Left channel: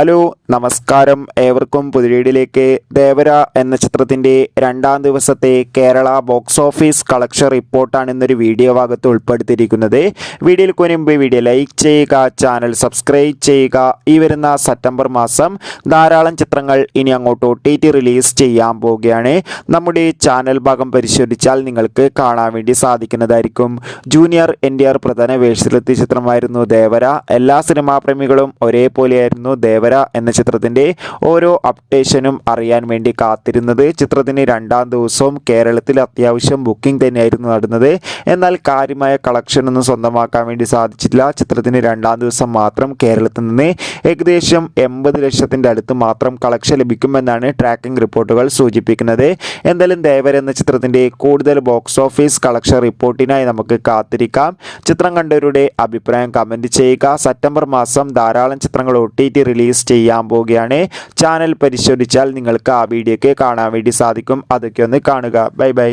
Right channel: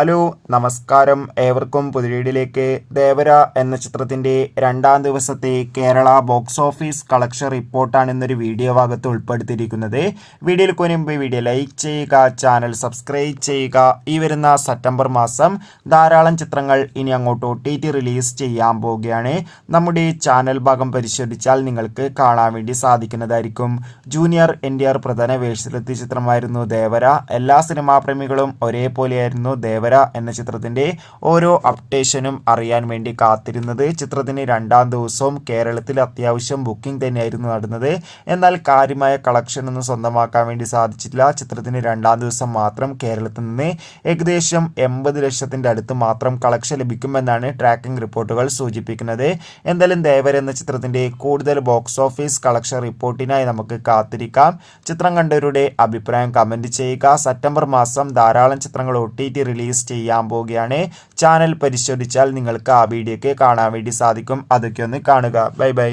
Hello നമസ്കാരം ഏവർക്കും പുതിയയിലേക്ക് ദേവര എന്ന ചിത്രത്തിൻ്റെ രണ്ടാം ദിവസത്തെ കേരള ബോക്സ് ഓഫീസ് കളക്ഷൻ റിപ്പോർട്ടാണ് ഇന്നൊരു വീഡിയോ ഭാഗത്ത് ഉൾപ്പെടുത്തിയിരിക്കുന്നത്. വീഡിയോയിൽ മുൻപ് വീഡിയോ ലൈക്ക് ചെയ്യുക, ചാനൽ സബ്സ്ക്രൈബ് ചെയ്യുക. ഈ വരുന്ന സെപ്റ്റംബർ മാസം ധാരാളം ചിത്രങ്ങൾ ഇനി അങ്ങോട്ട് OTT റിലീസ് ചെയ്യാൻ പോവുകയാണ്. നമ്മുടെ ചാനൽ ഭാഗം പരിശോധിച്ചാൽ നിങ്ങൾക്ക് കാണാൻ വേണ്ടി സാധിക്കുന്നതായിരിക്കും. ജൂനിയർ NTR പ്രധാന വേഷത്തിലെത്തിയ ചിത്രമായിരുന്നു ദേവര. എല്ലാ സിനിമാ പ്രേമികളും ഒരേപോലെയായിരുന്നു ദേവര എന്ന ചിത്രത്തിന്റെ ഓരോ അപ്ഡേഷനും അറിയാൻ വേണ്ടി കാത്തിരുന്നത്. ചിത്രത്തിന് രണ്ടാം ദിവസവും കേരളത്തിൽ അത്യാവശ്യം ബുക്കിംഗ് തന്നെയായിരുന്നു നടന്നത്. എന്നാൽ കാര്യമായ കളക്ഷൻ ഒന്നും സ്വന്തമാക്കാൻ വേണ്ടി സാധിച്ചില്ല. ചിത്രത്തിന് രണ്ടാം ദിവസം മാത്രം കേരളത്തിൽ നിന്ന് ഏകദേശം 80 ലക്ഷത്തിന്റെ അടുത്ത് മാത്രം കളക്ഷൻ ലഭിക്കുമെന്നാണ് ട്രാക്കിംഗ് റിപ്പോർട്ടുകൾ സൂചിപ്പിക്കുന്നത്. എന്തായാലും ദേവര എന്ന ചിത്രത്തിന്റെ കൂടുതൽ ബോക്സ് ഓഫീസ് കളക്ഷൻ റിപ്പോർട്ടിനായി നമുക്ക് കാത്തിരിക്കാം. ചിത്രം കണ്ടവരുടെ അഭിപ്രായം കമന്റ് ചെയ്യുക. സെപ്റ്റംബർ മാസം ധാരാളം ചിത്രങ്ങൾ OTT റിലീസ് ചെയ്യാൻ പോവുകയാണ്. ചാനൽ പരിശോധിച്ചാൽ നിങ്ങൾക്ക് ആ വീഡിയോക്ക് കാണാൻ വേണ്ടി സാധിക്കും. അതൊക്കെ ഒന്ന് കാണുക. Bye bye.